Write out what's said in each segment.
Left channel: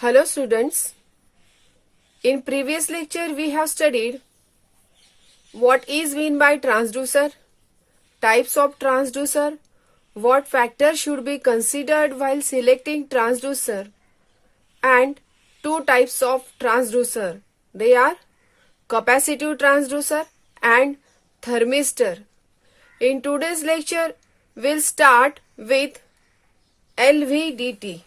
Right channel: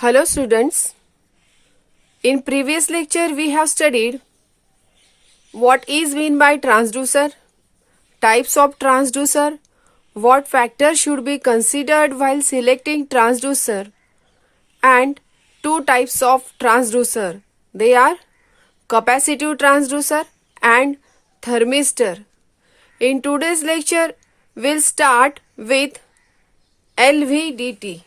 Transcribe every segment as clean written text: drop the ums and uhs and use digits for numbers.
Hello students, in previous lecture we have studied what is mean by transducer, types of transducer, what factors should be considered while selecting transducer and two types of transducer. They are capacitive transducer and thermistor. In today's lecture we'll start with LVDT.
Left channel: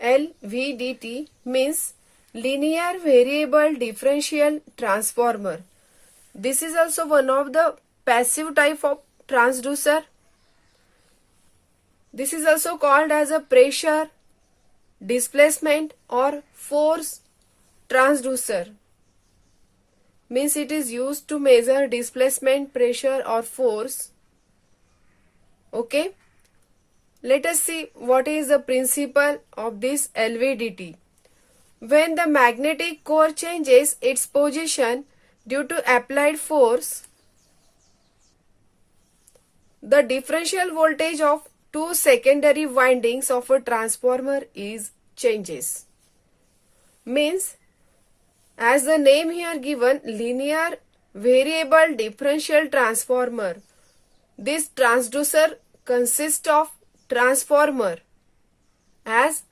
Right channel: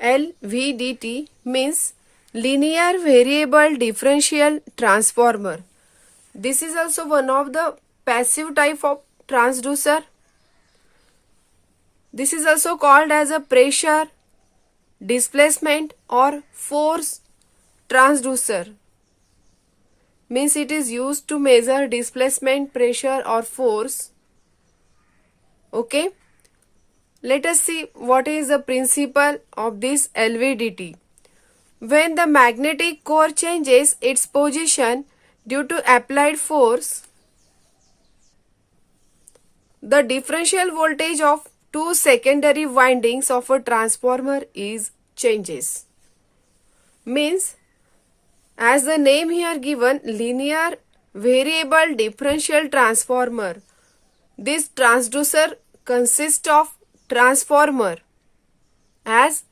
LVDT means linear variable differential transformer. This is also one of the passive type of transducer. This is also called as a pressure, displacement or force transducer. Means it is used to measure displacement, pressure or force. Okay. Let us see what is the principle of this LVDT. When the magnetic core changes its position due to applied force, the differential voltage of two secondary windings of a transformer is changes. Means, as the name here given, linear variable differential transformer. This transducer consists of transformer. As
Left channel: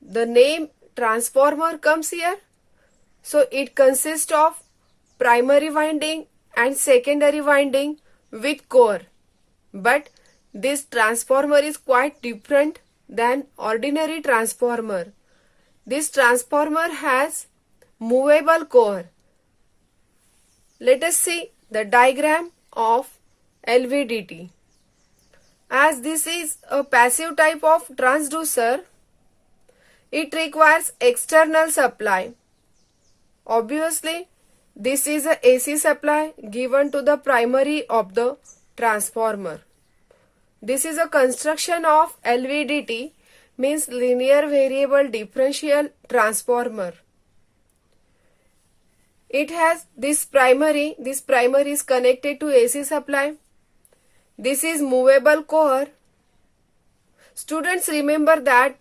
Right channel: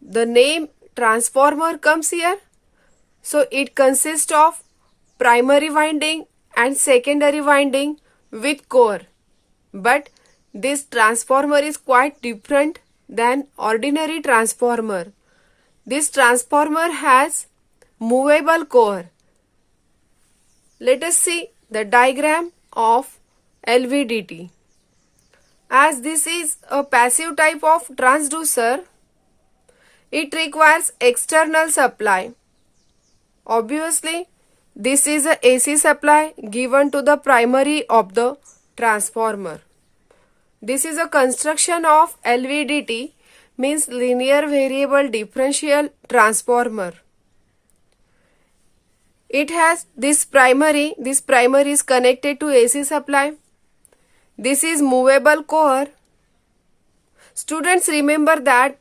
the name transformer comes here, so it consists of primary winding and secondary winding with core. But this transformer is quite different than ordinary transformer. This transformer has movable core. Let us see the diagram of LVDT. As this is a passive type of transducer, it requires external supply. Obviously, this is a AC supply given to the primary of the transformer. This is a construction of LVDT, means linear variable differential transformer. It has this primary is connected to AC supply. This is movable core. Students, remember that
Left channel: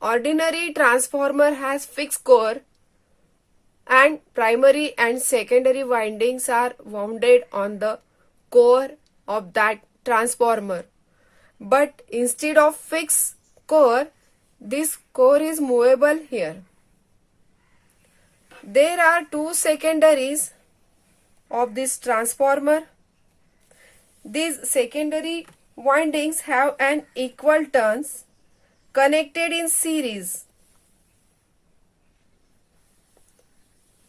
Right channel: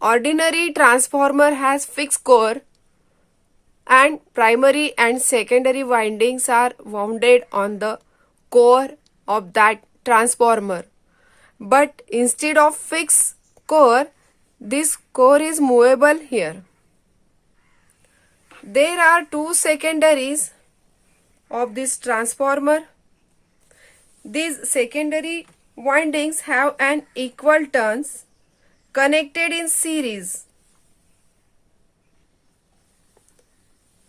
ordinary transformer has fixed core and primary and secondary windings are wounded on the core of that transformer. But instead of fixed core, this core is movable here. There are two secondaries of this transformer. These secondary windings have an equal turns connected in series.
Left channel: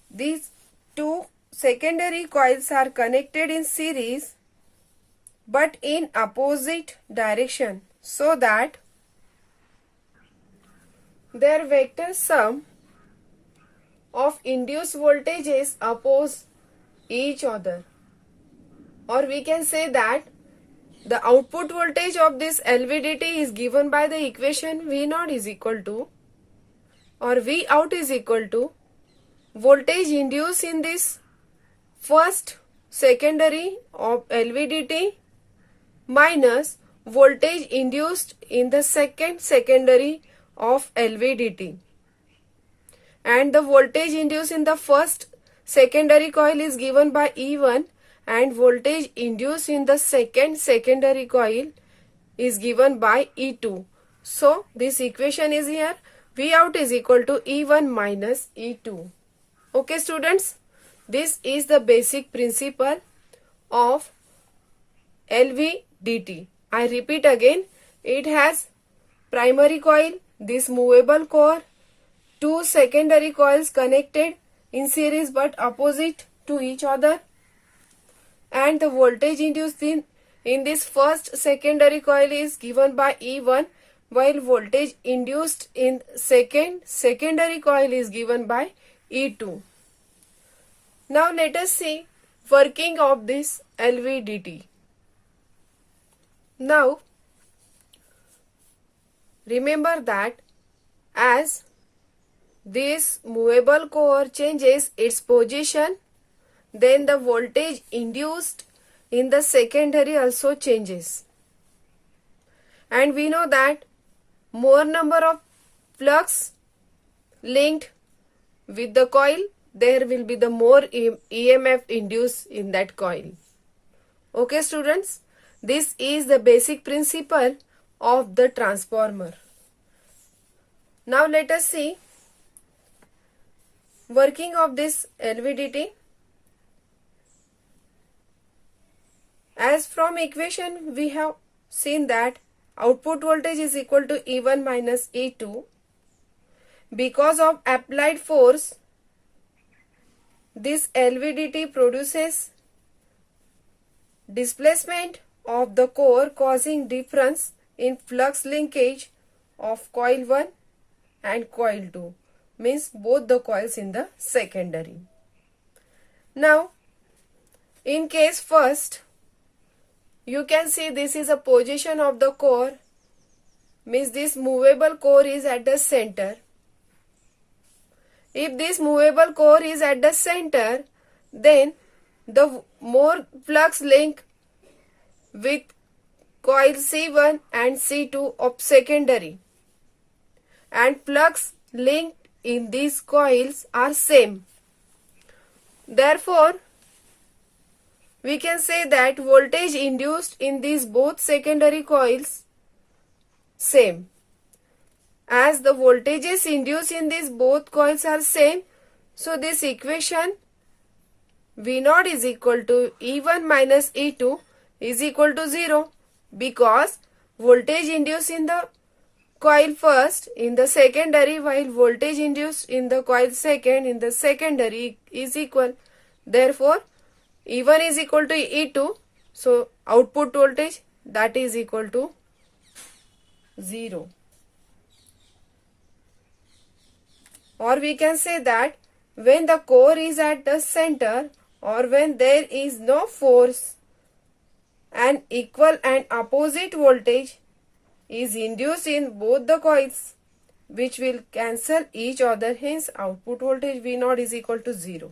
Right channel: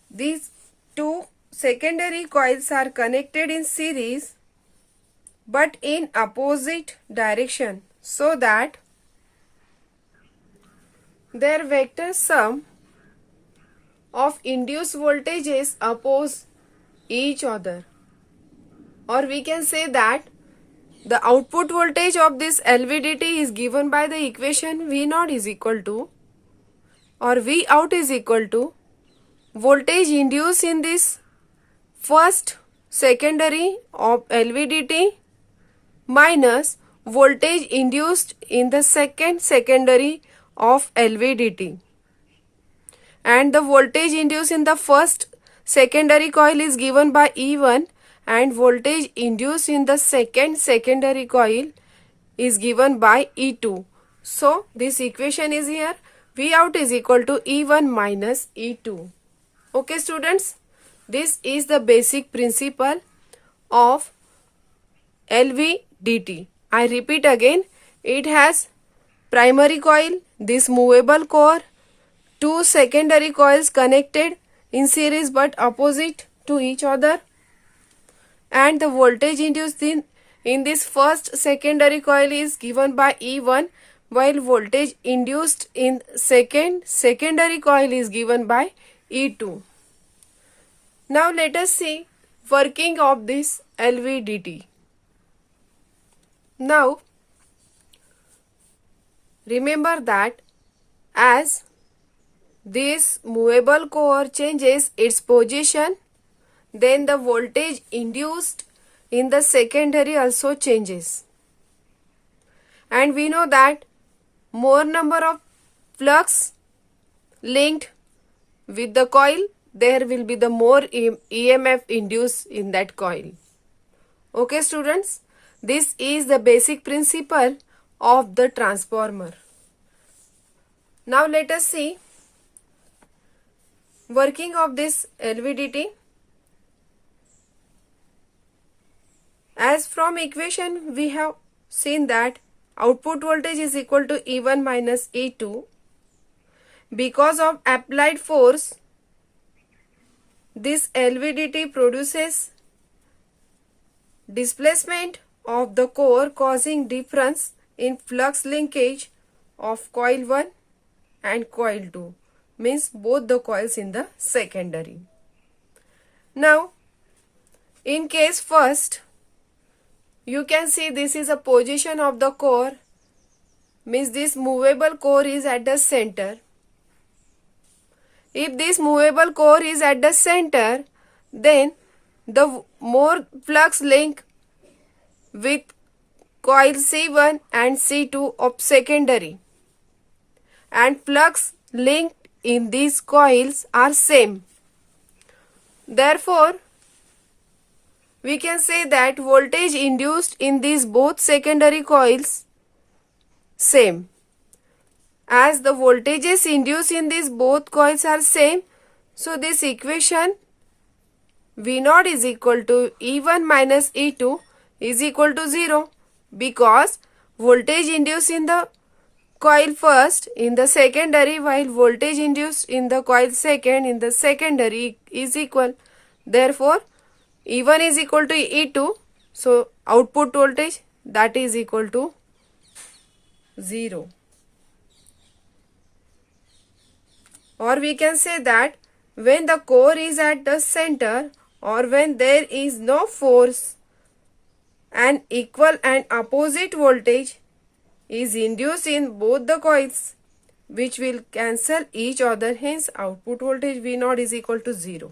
These two secondary coils are connected in series but in opposite direction, so that their vector sum of induced voltages oppose each other. Or we can say that the output voltage of this LVDT is given by the equation V0 is equal to, or V out is equal to, voltage induced in this first secondary of LVDT minus voltage induced in the second secondary of LVDT. And the voltage induced in the first secondary coil is given by E1 and voltage induced in the second secondary coil is given by E2. So this equation is here, V out is equal to E1 minus E2. Okay students, this is the basic principle of LVDT. I repeat again, it has primary coil, this movable core, two secondary coils connected in series but opposite to each other, and the voltage induced in this first secondary coil is given by E1, while voltage induced in second secondary coil is given by E2. Now let us see working of this LVDT. Now remember that as this movable core changes its position, then the voltage induced in the secondary also changes. And we know that more number of flux linked with the coil, there will be the more EMF induced in that coil. Okay students, this is the basic principle of the transformer. Now let us see working of this LVDT. As from equation we have seen that output voltage is equal to E1 minus E2. Because of applied force, this LVDT produces displacement of the core, causing difference in flux linkage of coil 1 and coil 2, means both the coils in the secondary. Now in case first, you can see this is a position of the core, means this movable core is at the center. If this movable core is at the center, then the more flux link with coil C1 and C2 of secondary, and flux linked in these coils are same. Therefore, we can say that voltage induced in these both secondary coils same. As the voltages induced in these both coils are same, so this equation V0 is equal to E1 minus E2 is equal to 0, because voltage induced in the coil first in the secondary while voltage induced in the coil second in the secondary is equal. Therefore, E1 is equal to E2, so output voltage that is equal to 0. Or we can say that when the core is at the center or when there is no force, an equal and opposite voltage is induced in both the coils, which will cancel each other, hence output voltage V0 is equal to 0.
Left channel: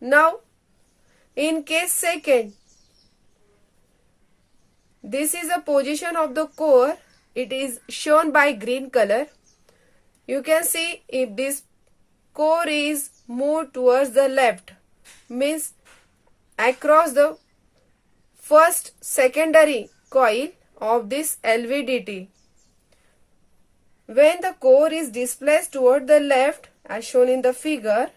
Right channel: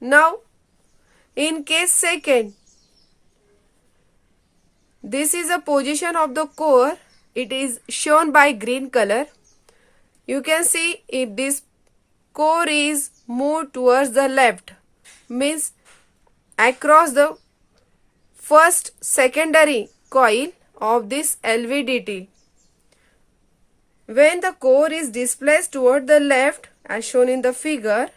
Now in case second, this is a position of the core, it is shown by green color. You can see if this core is moved towards the left, means across the first secondary coil of this LVDT. When the core is displaced toward the left as shown in the figure,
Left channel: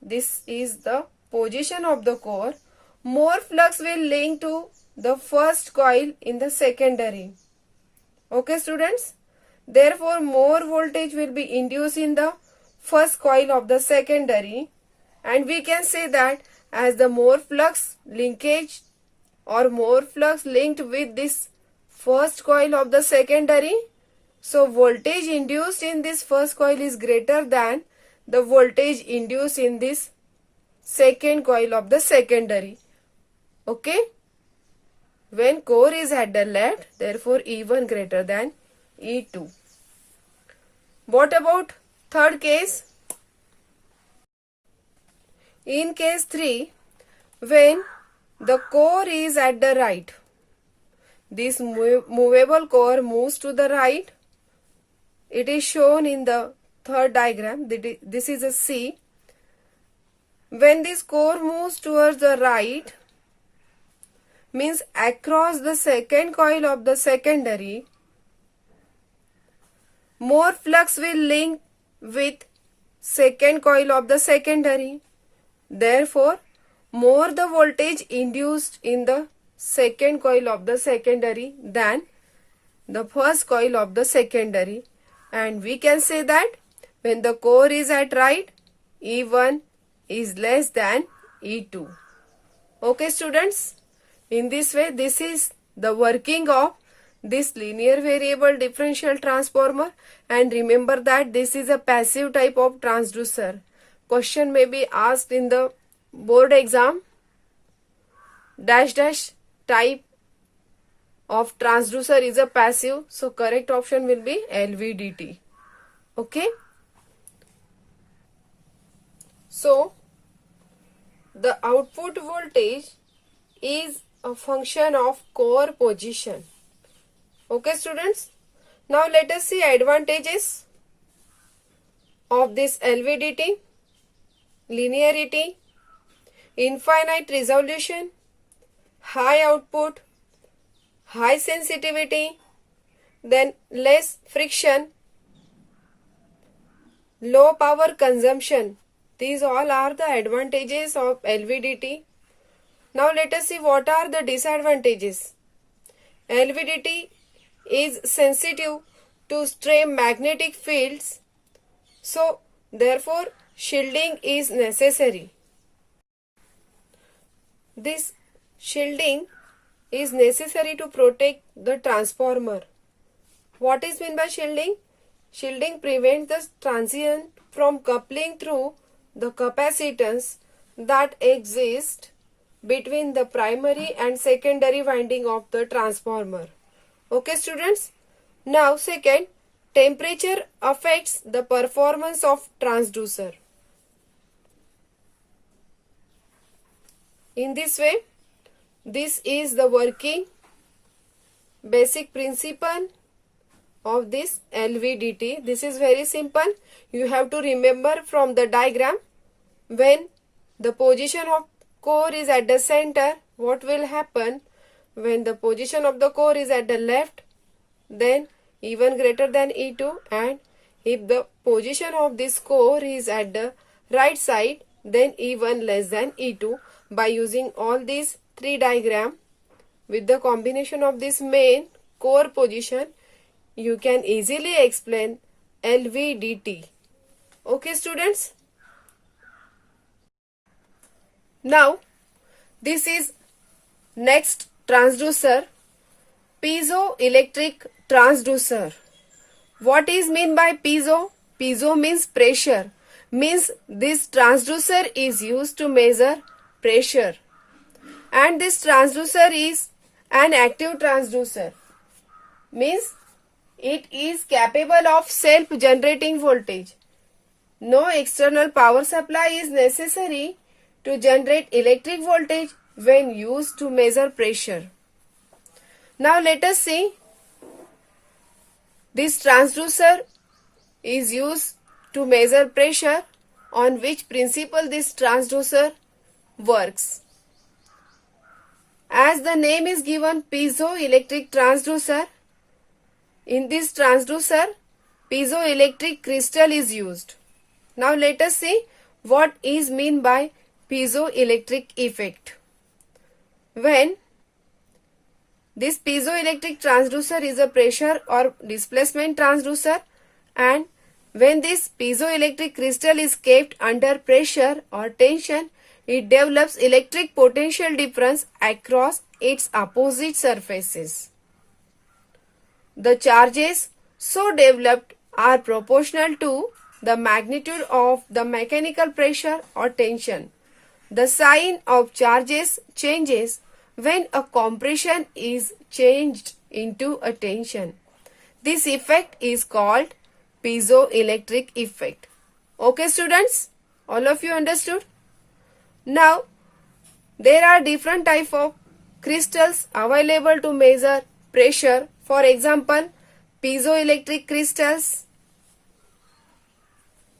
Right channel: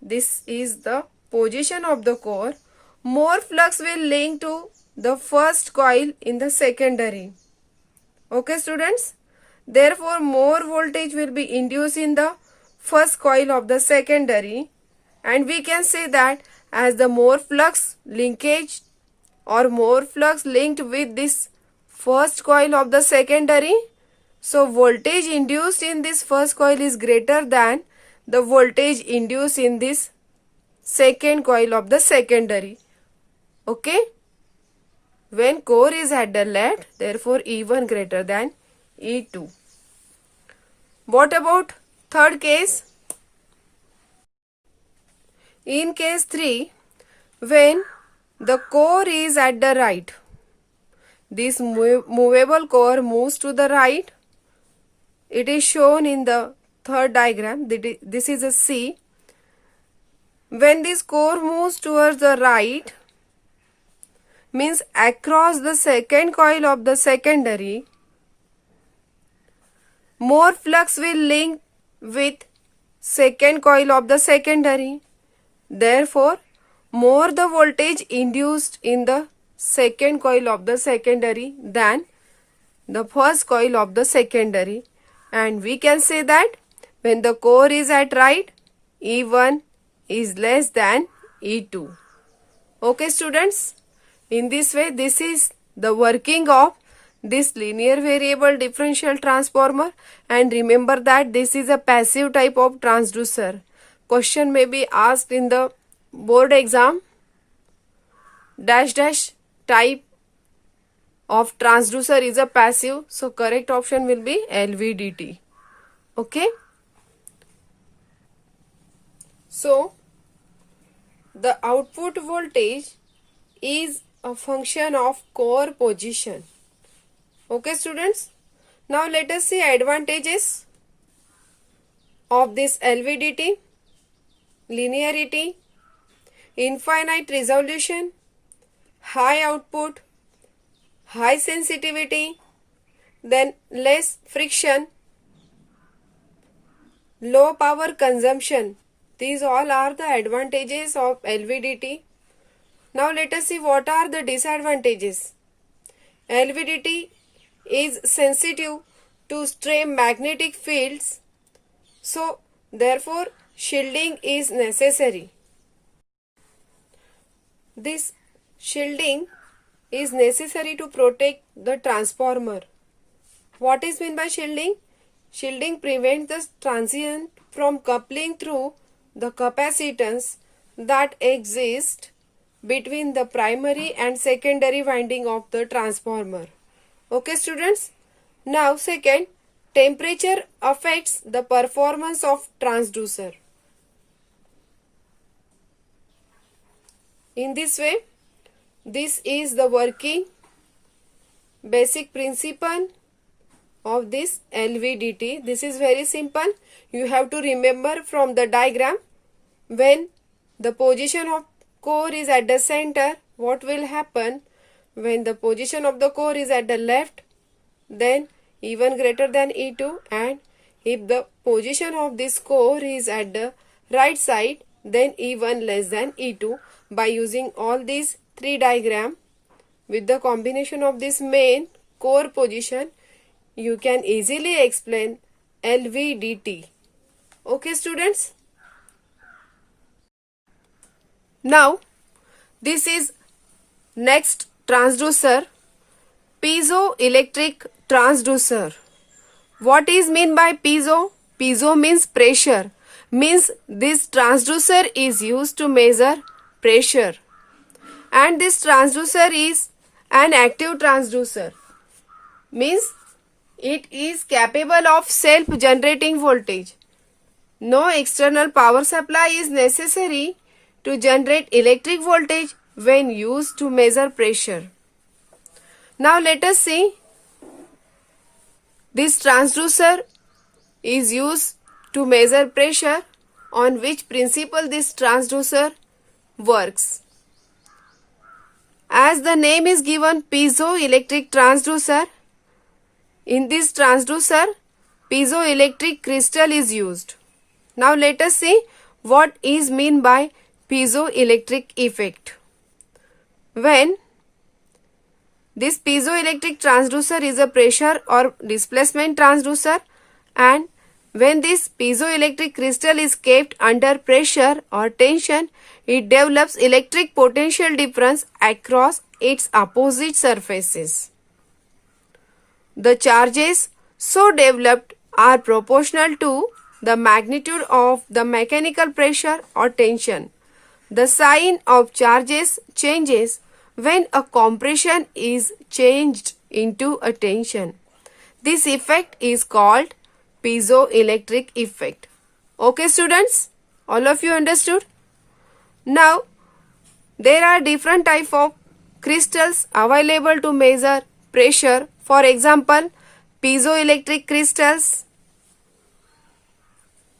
this is the position of the core, more flux will link to the first coil in the secondary. Okay students, therefore more voltage will be induced in the first coil of the secondary, and we can say that as the more flux linkage or more flux linked with this first coil of the secondary, so voltage induced in this first coil is greater than the voltage induced in this second coil of the secondary. Okay, when core is at the left, therefore E1 greater than E2. What about third case? In case 3, when the core is at the right, this movable core moves to the right. It is shown in the third diagram. This is a C. When this core moves towards the right, means across the second coil of the secondary, more flux will link with second coil of the secondary. Therefore, more the voltage induced in the second coil of the secondary than the first coil of the secondary. And we can say that when the core is at right, E1 is less than E2. Okay students, in this way this is the working of this linear variable differential transformer, and remember that this is a passive type of transducer. Question may be asked in the board exam, dash dash type of transducer is a passive, so correct option will be LVDT. Okay, so the output voltage is a function of core position. Okay students, Now let us see advantages of this LVDT. Linearity, infinite resolution, high output, high sensitivity, then less friction, low power consumption. These all are the advantages of LVDT. Now let us see what are the disadvantages. LVDT is sensitive to stray magnetic fields, so therefore shielding is necessary. This shielding is necessary to protect the transformer. What is meant by shielding? Shielding prevents the transient from coupling through the capacitance that exist between the primary and secondary winding of the transformer. Okay, students? Now, second, temperature affects the performance of transducer. In this way, this is the working basic principle of this LVDT. This is very simple. You have to remember from the diagram, when the position of core is at the center, what will happen? When the position of the core is at the left, then E1 greater than E2, and if the position of this core is at the right side, then E1 less than E2. By using all these three diagrams with the combination of this main core position, you can easily explain LVDT. Okay, students? Now, this is next transducer, piezoelectric transducer. What is mean by piezo? Piezo means pressure. Means this transducer is used to measure pressure. And this transducer is an active transducer. Means it is capable of self-generating voltage. No external power supply is necessary to generate electric voltage when used to measure pressure. Now let us see. This transducer is used to measure pressure. On which principle this transducer works? As the name is given, piezoelectric transducer. In this transducer, piezoelectric crystal is used. Now let us see what is mean by piezoelectric effect. When this piezoelectric transducer is a pressure or displacement transducer, and when this piezoelectric crystal is kept under pressure or tension, it develops electric potential difference across its opposite surfaces. The charges so developed are proportional to the magnitude of the mechanical pressure or tension. The sign of charges changes when a compression is changed into a tension. This effect is called piezoelectric effect. Okay, students? All of you understood? Now, there are different type of crystals available to measure pressure. For example, piezoelectric crystals.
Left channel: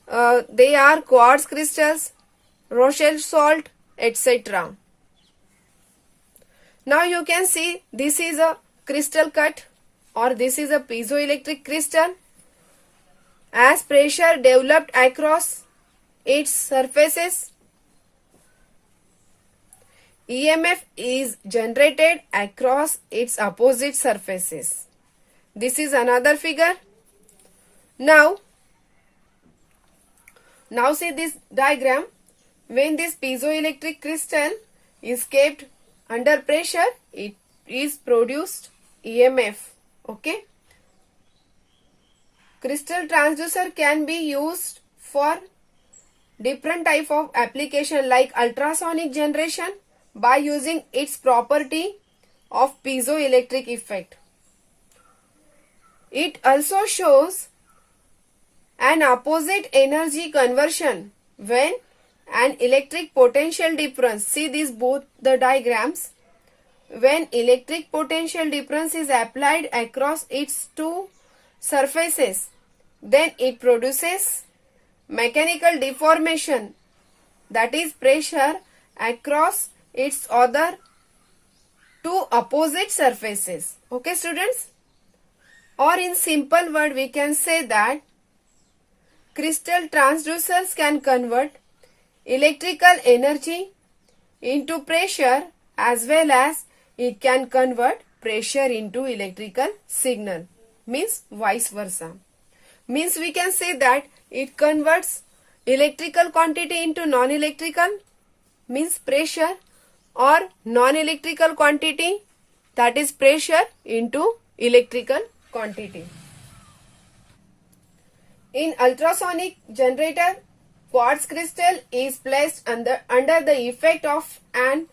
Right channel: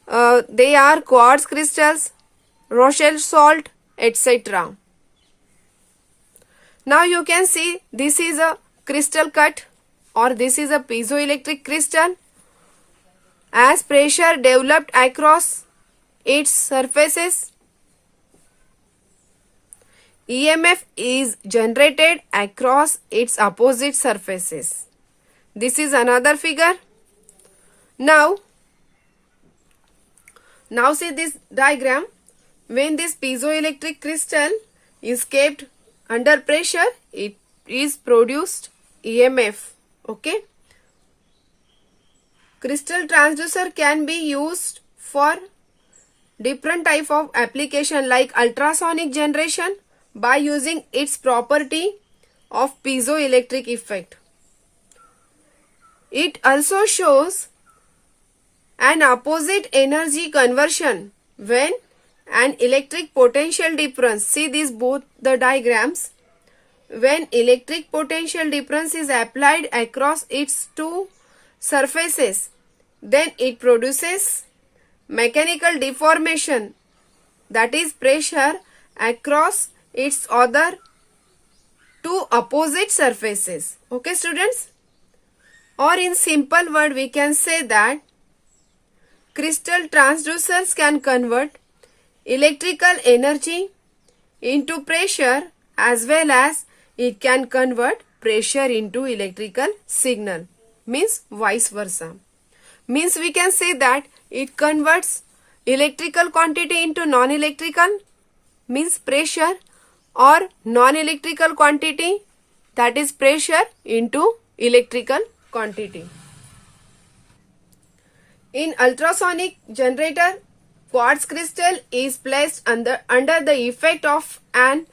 They are quartz crystals, Rochelle salt, etc. Now you can see this is a crystal cut, or this is a piezoelectric crystal. As pressure developed across its surfaces, EMF is generated across its opposite surfaces. This is another figure. Now see this diagram. When this piezoelectric crystal is kept under pressure, it is produced EMF. Okay. Crystal transducer can be used for different type of application like ultrasonic generation by using its property of piezoelectric effect. It also shows an opposite energy conversion when an electric potential difference. See these both the diagrams. When electric potential difference is applied across its two surfaces, then it produces mechanical deformation, that is pressure across its other two opposite surfaces. Okay students? Or in simple word we can say that crystal transducers can convert electrical energy into pressure, as well as it can convert pressure into electrical signal, means vice versa. Means we can say that it converts electrical quantity into non-electrical, means pressure, or non-electrical quantity, that is pressure, into electrical quantity. In ultrasonic generator, quartz crystal is placed under the effect of an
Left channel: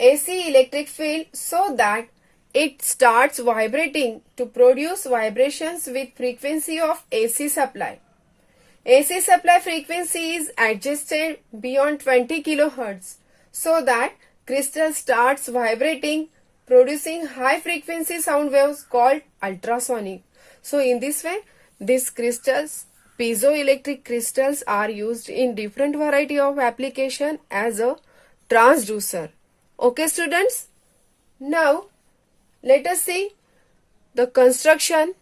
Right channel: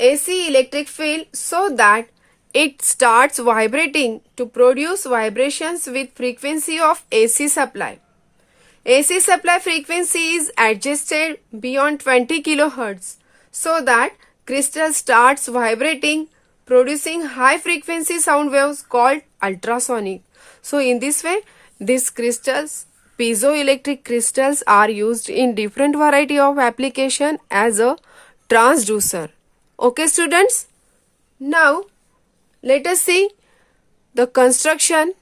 AC electric field so that it starts vibrating to produce vibrations with frequency of AC supply. AC supply frequency is adjusted beyond 20 kHz so that crystal starts vibrating, producing high frequency sound waves called ultrasonic. So in this way, these crystals, piezoelectric crystals, are used in different variety of application as a transducer. Okay students? Now let us see the construction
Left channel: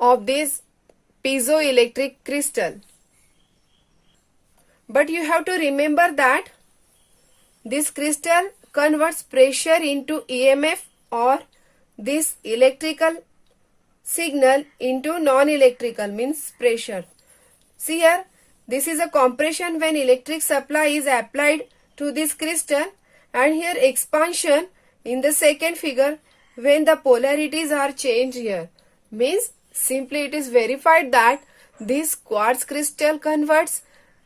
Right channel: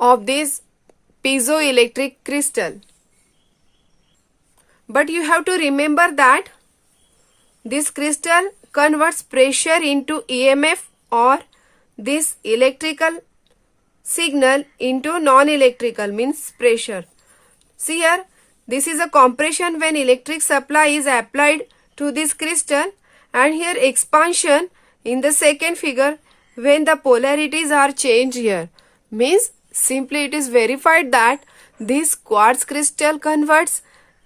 of this piezoelectric crystal. But you have to remember that this crystal converts pressure into EMF, or this electrical signal into non-electrical, means pressure. See here, this is a compression when electric supply is applied to this crystal, and here expansion in the second figure when the polarities are changed here. Means simply it is verified that this quartz crystal converts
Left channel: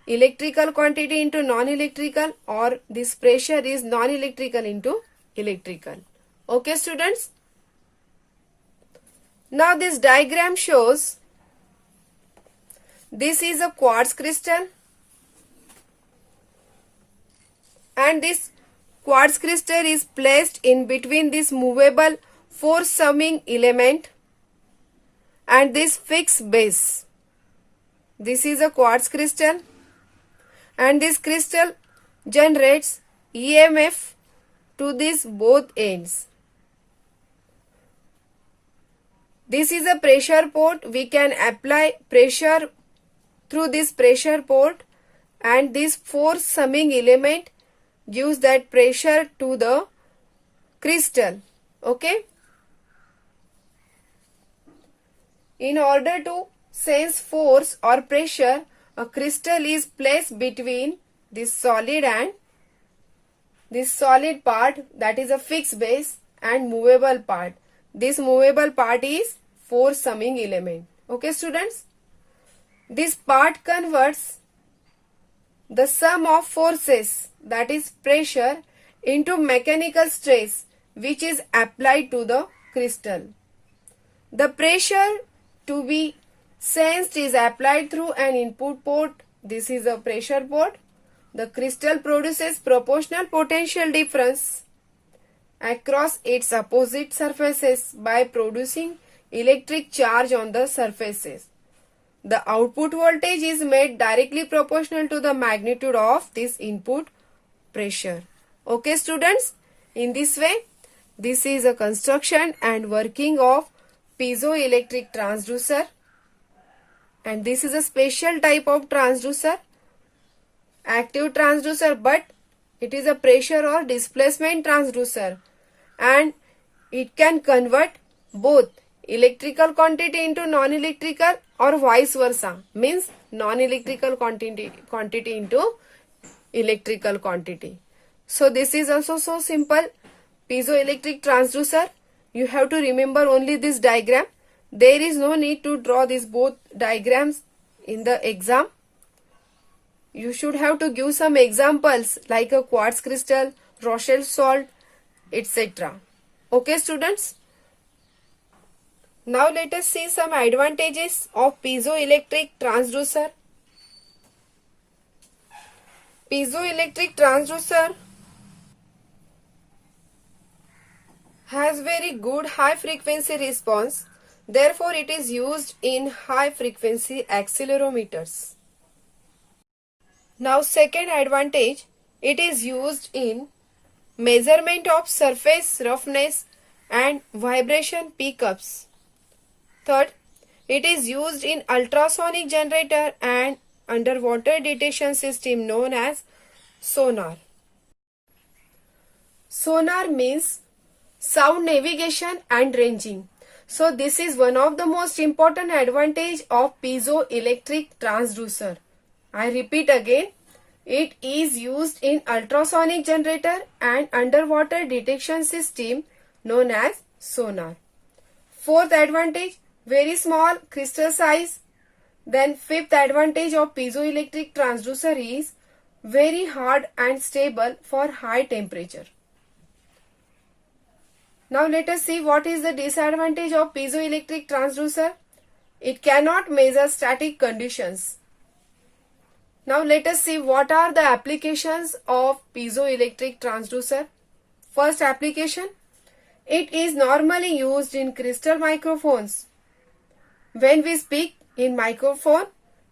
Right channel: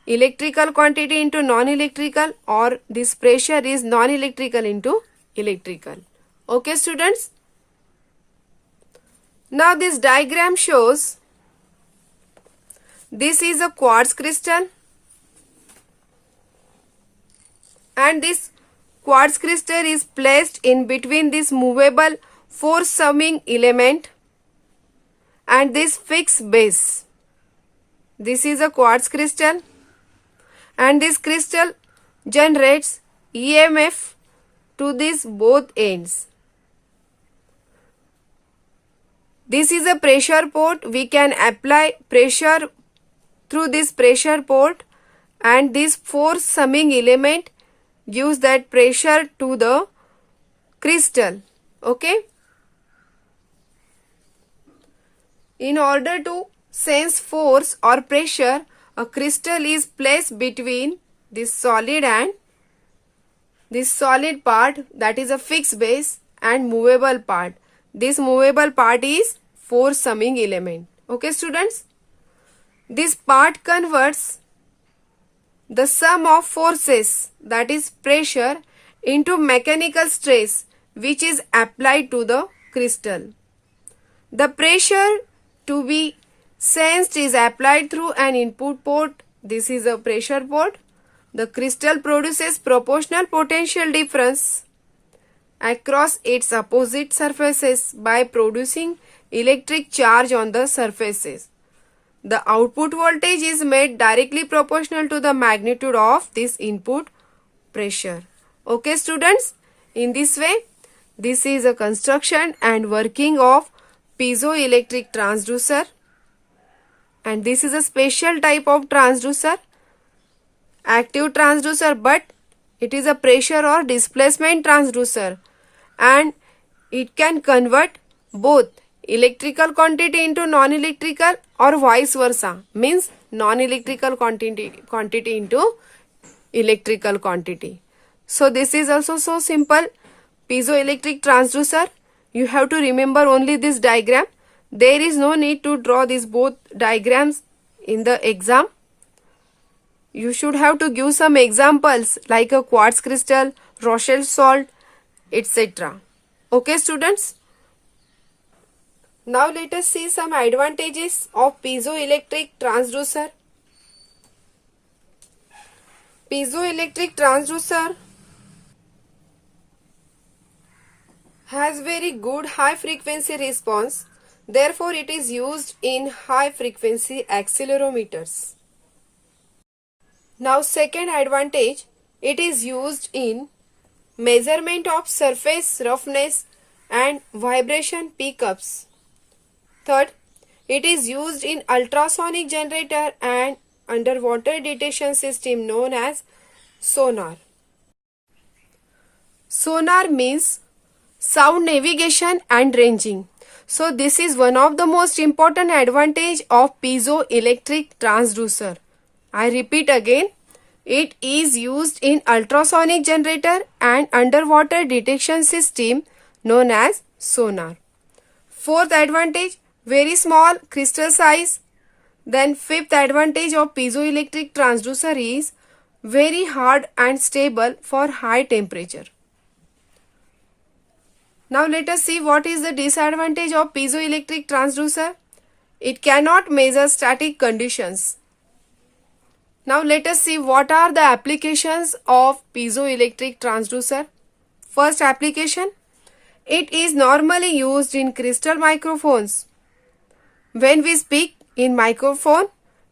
electrical quantity into non-electrical, or this pressure is non-electrical into electrical. Okay students? Now this diagram shows this is a quartz crystal, and this quartz crystal is placed in between this movable force summing element and this fixed base. This is a quartz crystal, and this crystal generates EMF to these both ends. This is a pressure port. We can apply pressure through this pressure port, and this force summing element gives that pressure to the crystal. Okay? In order to sense force or pressure, a crystal is placed between this solid and this solid part, that is a fixed base, and movable part. This movable part is force summing element. Okay students? This part converts the sum of forces, that is pressure, into mechanical stress which is applied to the crystal. The pressure to be sensed is applied through an input port. This is a pressure port. The crystal produces proportional potential difference across its opposite surfaces by producing electric charge on the surfaces. The output voltage is made directly proportional to the magnitude of this input pressure. Okay students? In this way, this is a construction and working of piezoelectric transducer, and this is a special type of transducer, active transducer, but it is a pressure or displacement transducer, and it can convert both electrical quantity into non-electrical or vice versa, means non-electrical quantity into electrical quantity. So this is also so simple. Piezoelectric transducer, you have to remember only this diagram. There is no need to draw these both diagrams in the exam. You should have to give some examples like a quartz crystal, Rochelle salt, etc. Okay students? Now let us see some advantages of piezoelectric transducer. Piezoelectric transducer has very good high frequency response, Therefore, it is used in high frequency accelerometers. Now, second advantage, it is used in measurement of surface roughness and vibration pickups. Third, it is used in ultrasonic generator and underwater detection system known as sonar. Sonar means sound navigation and ranging. So this is one of the most important advantage of piezoelectric transducer. I repeat again, it is used in ultrasonic generator and underwater detection system known as sonar. Fourth advantage, very small crystal size. Then fifth advantage of piezoelectric transducer is very hard and stable for high temperature. Now let us see what is the disadvantage of piezoelectric transducer. It cannot measure static conditions. Now let us see what are the applications of piezoelectric transducer. First application, it is normally used in crystal microphones. When we speak in microphone,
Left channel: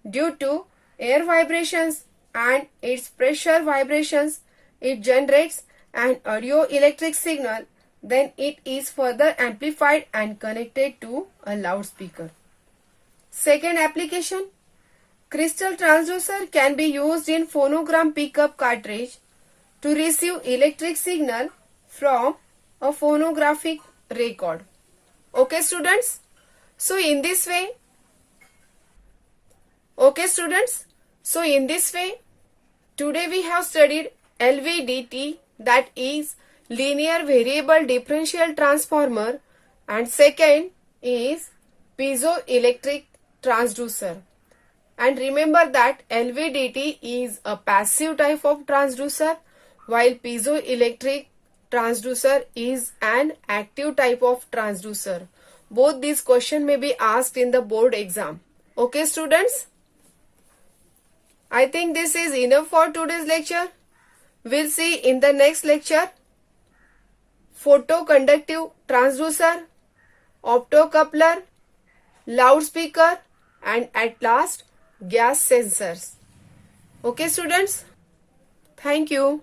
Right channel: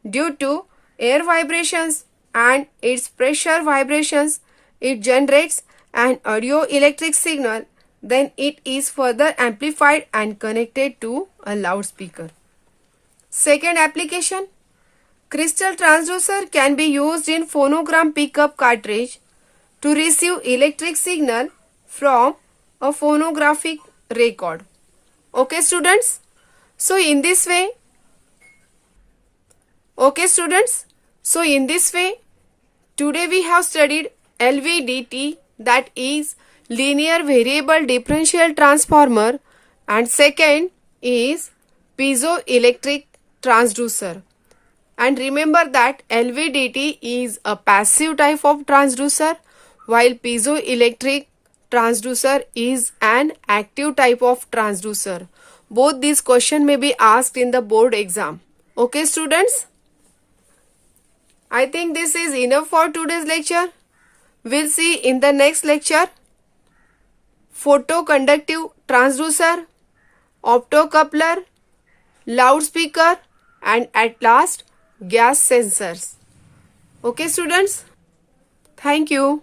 due to air vibrations and its pressure vibrations, it generates an audio electric signal. Then it is further amplified and connected to a loudspeaker. Second application, crystal transducer can be used in phonogram pickup cartridge to receive electric signal from a phonographic record. Okay students? So in this way, today we have studied LVDT, that is linear variable differential transformer, and second is piezoelectric transducer. And remember that LVDT is a passive type of transducer while piezoelectric transducer is an active type of transducer. Both these questions may be asked in the board exam. Okay students? I think this is enough for today's lecture. We'll see in the next lecture photoconductive transducer, optocoupler, loudspeaker, and at last gas sensors. Okay students? Thank you.